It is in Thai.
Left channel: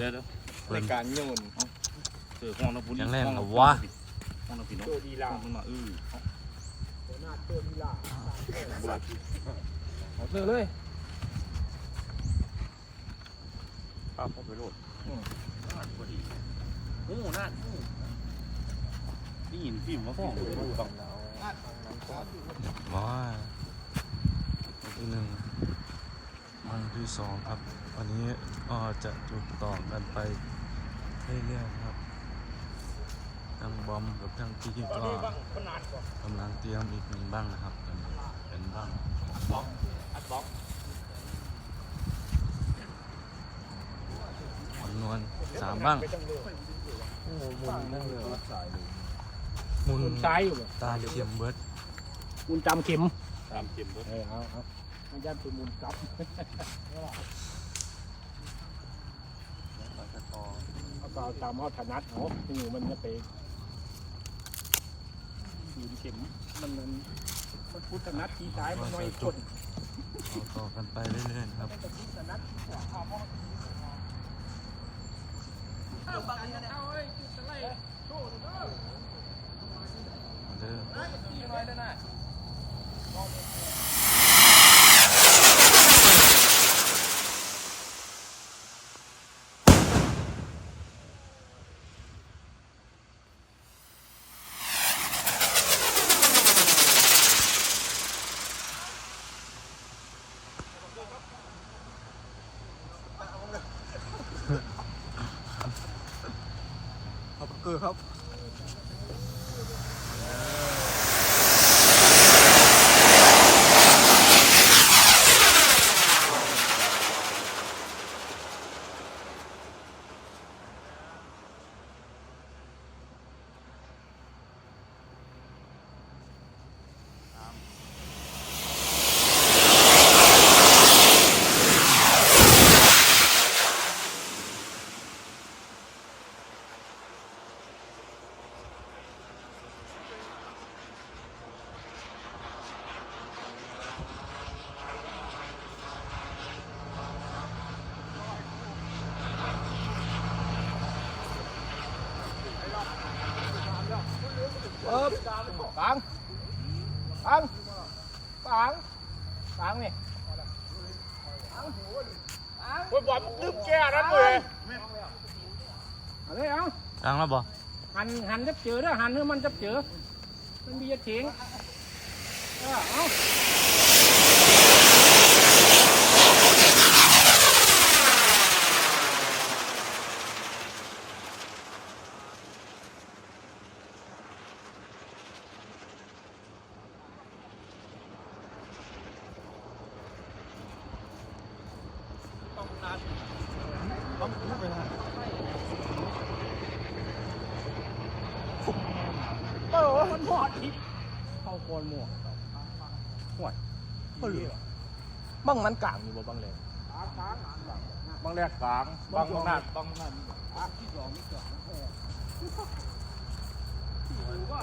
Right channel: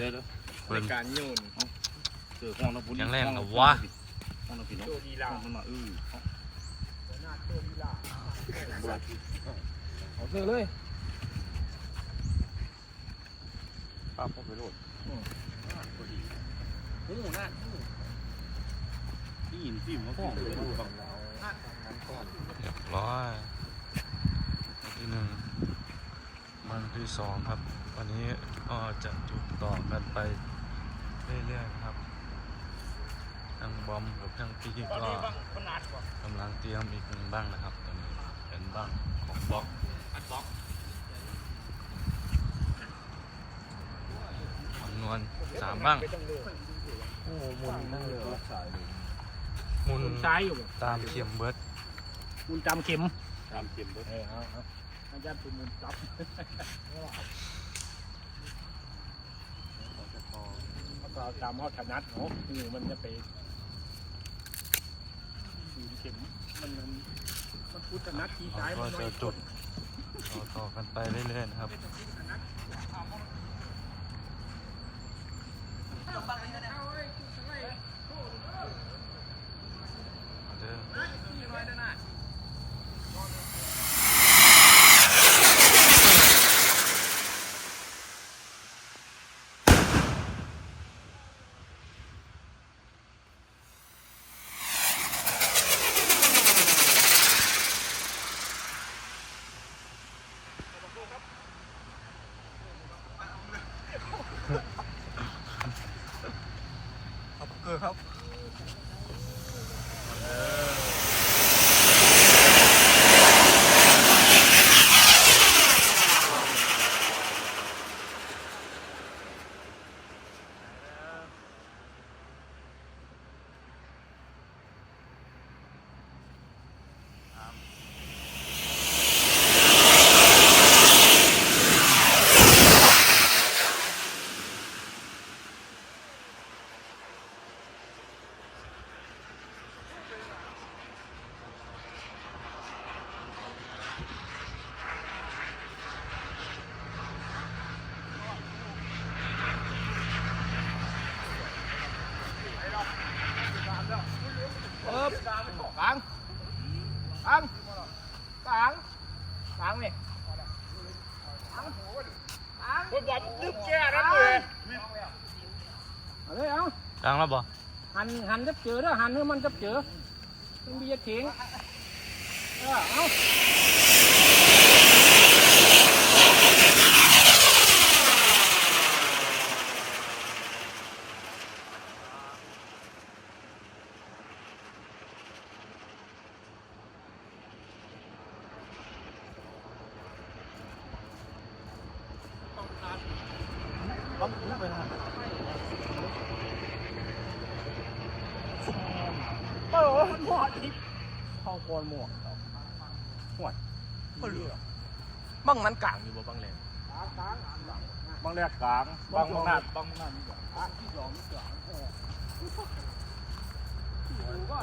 เพิ่นการโยนเจอห้องน้ำพุยังแรงกับวะห้องน้ำพี่น้องโตดีลาห้องมันมาเออเอาเสื้อเลยป้าพ่อไปโรดหูนั่นนี่ยินฟิล์มว่าห้องเลยว่าบัง เรียบร้อยวันที่หนึ่ง วันที่สองครับ วันนี้ก็จะจุดต่อกันไปเรื่อยๆนะครับทางบอมกับทางพี่ก็กำลังเตรียมอีกหนึ่งบ้างนะครับตอนนี้เป็นบ้างของบล็อกจำนวนสามบ้างโอ้มุนนั่นเลยสายเลยหมุนมุนซ้ายอยู่เลยตามเข็มเบิร์ดมุนจำเข็มตามเข็มเบิด เออเอาเอามันจะเป็นมุนกลับจะต่อแล้วก็เอตามเขาถนัดเขาที่อยู่มันจะไปขีดเข็มมันมันพุทธนัดที่ซ้ายมันน้อยจุด ต่อต่อกันไปเรื่อยๆนะครับือครับอปังปัง ปังปังนี่โอ้ยบอลมึงดึงแกนั่นเลยเอาเลยเอาดังแล้วบ่หันหันจะเจอเด้อหันให้มันจะเจอมันมีจะเถียงเออเอา โอ้ยหมอดทิพย์เข้าก่อนหมวกห่วยก็เรียกบังมันกลางอยู่บ่บังแหลมบังแรกกลางบังบังหน้าบังหน้ากลางที่สองนี่กลางเออที่หูก็